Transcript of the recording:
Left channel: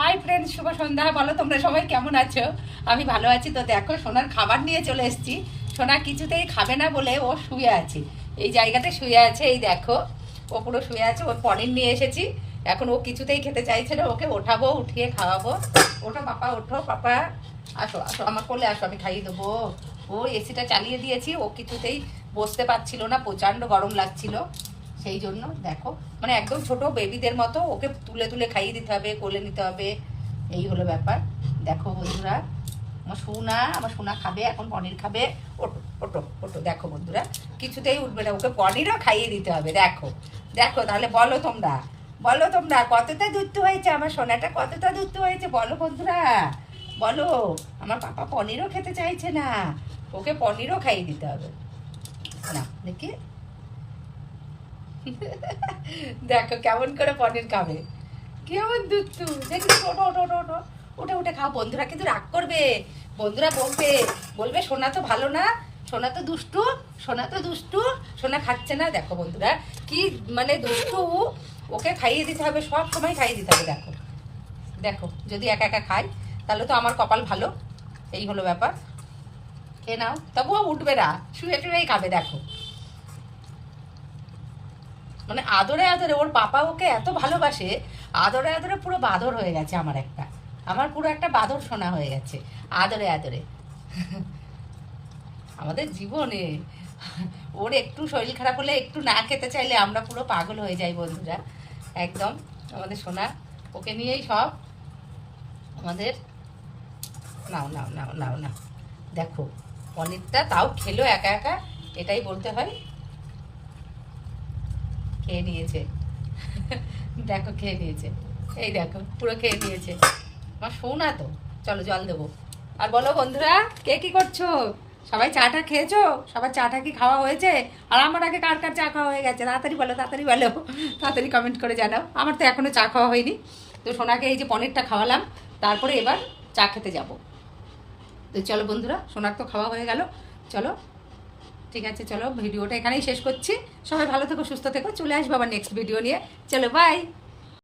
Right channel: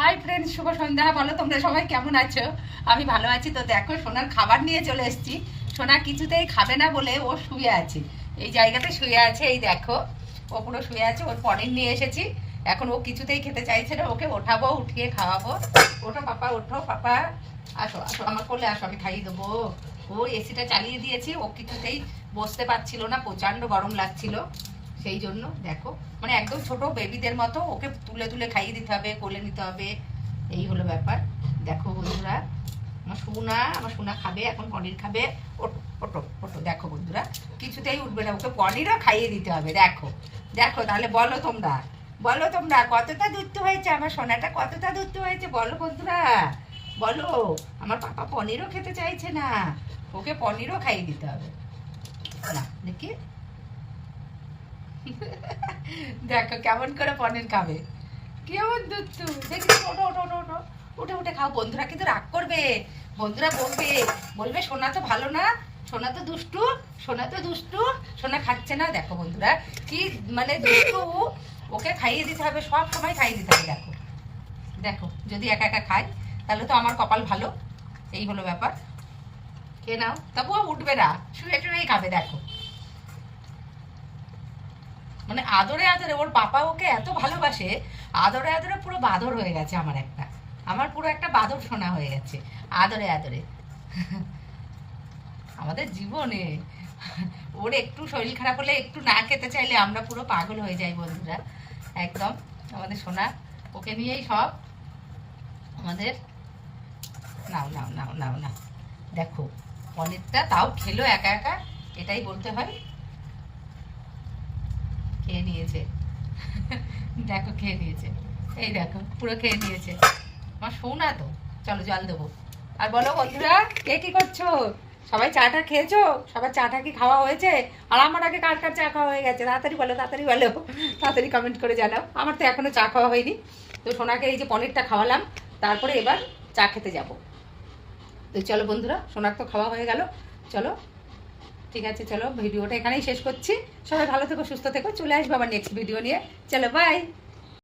Hi friends, শুভ সন্ধ্যা। বলো তোমরা সবাই কেমন আছো? আমি ভালো আছি। তো দেখো, সোনার খাবার নিয়ে চলে এসেছি। সোনা কিছুতেই খাবে না বলে ও শুয়ে আছে, এই জায়গাতে শুয়ে আছে। এই দেখো, ও পুরো শুয়ে আছে। ওর পনির নিয়ে এসেছি। এখন ও কিছুতেই খেতে চাইছে না। ওকে ওঠাবো, উঠিয়ে খাওয়াবো। ওঠো পাপা, ওঠো পাপা, আসো আসো আমার কোলে আসো, আমি খাইয়ে দেবো। ও এসিটা চালিয়ে দিয়েছি, ও কিছুতেই বসতে পারছিল না, প্রচণ্ড গরম লাগছিল। সেই জন্য দেখো, মানে একদম ছোট বেবিদের মতো ওকে তুলে তুলে খাইয়ে দিতে হবে, কোলে নিতে হবে। এই হলো ব্যাপার। দেখো বন্ধুরা, আমার সোনা খাবে এখন, পনির খাবে। ওটো ওটো ওটো। দেখো বন্ধুরা, কিছুতেই উঠবে না, ওকে পনিরও খাইয়ে দিতে হবে। দেখো দেখো, তাহলে বলো তোমরা, বলো তোমরা কতটা দুধ হয়েছে, আমার সোনাটা কতটা দুধ হয়েছে, বলো বন্ধুরা বলো। আমার পাপা পনিরও খেতে চাইছে না, ওকে পনিরও খাইয়ে দিতে হবে। না দেখি, দেখো কেমন করে পনির খাবে, কেমন দুষ্টু দেখি। ওঠো ওঠো ওঠো ওঠো, উঠে উঠে খাও। বন্ধুরা কিন্তু রাগ করবে, বন্ধুরা বলবে, বলবে সোনা তো ভালো না, সোনা তো দুষ্টু, সোনা তো দুষ্টু, সোনা খাচ্ছে না। দেখো বন্ধুরা কি মানে দুষ্টু, ওকে খাইয়ে দিতে হবে, সব সময় খাইয়ে দিতে হবে। দেখো দেখো, যদি একা একা খায় তাহলে তো আমার কপাল ভালো। এই হলো ব্যাপার। খেয়ে নাও, তবুও উঠবে না, শুয়ে টুয়েই খাবে। দেখো, মানে আদরে আদরে ওর পাপা ওকে এত ভালোবাসে, আদরে আদরে পুরো বাঁদর হয়ে গেছে আমার একটা, আমার পুরো একটা বাঁদর সোনা হয়ে গেছে আদরে আদরে। আমাদের জীবনে ওর একটু শরীর খারাপ হলে, একটু না খেতে চাইলে আমরা পুরো পাগল হয়ে যাই বন্ধুরা। একদম আমাদের সোনা, ওকে নিয়েই সব আমাদের। নাও নাও নাও নাও নাও, দেখো পনিরটা তাও খেলো একা একা, এটাই বলতে হয়। খেয়ে নিয়েছে, দেখো খেয়ে নিয়েছে, এই দেখো পুরো খেয়ে নিয়েছে। আমার শোনা তো, চলো জল দেবো। আর বলো বন্ধুরা, কে কি করছো? সবাই চাটা খেয়েছো? সবার চাটা কি খাওয়া হয়েছে? আর আমার আগে কার কার চা খাওয়া হয়ে গেছে? তাড়াতাড়ি বলো, তাড়াতাড়ি বলো, তাড়াতাড়ি কমেন্ট করে জানাও। আমার তো এখনো চা খাওয়া হয়নি। তো সোনাকে এই যে পনিরটা খাওয়ালাম, তারপরে এবার চা খেতে যাব। তো চলো বন্ধুরা, সোনার তো খাওয়া হয়ে গেল। চলো, ঠিক আছে, চলো ভিডিওটা এখানেই শেষ করছি। সবাই ভালো থেকো, সুস্থ থেকো। চলে আসবো আবার নেক্সট ভিডিও নিয়ে। চলো বাই।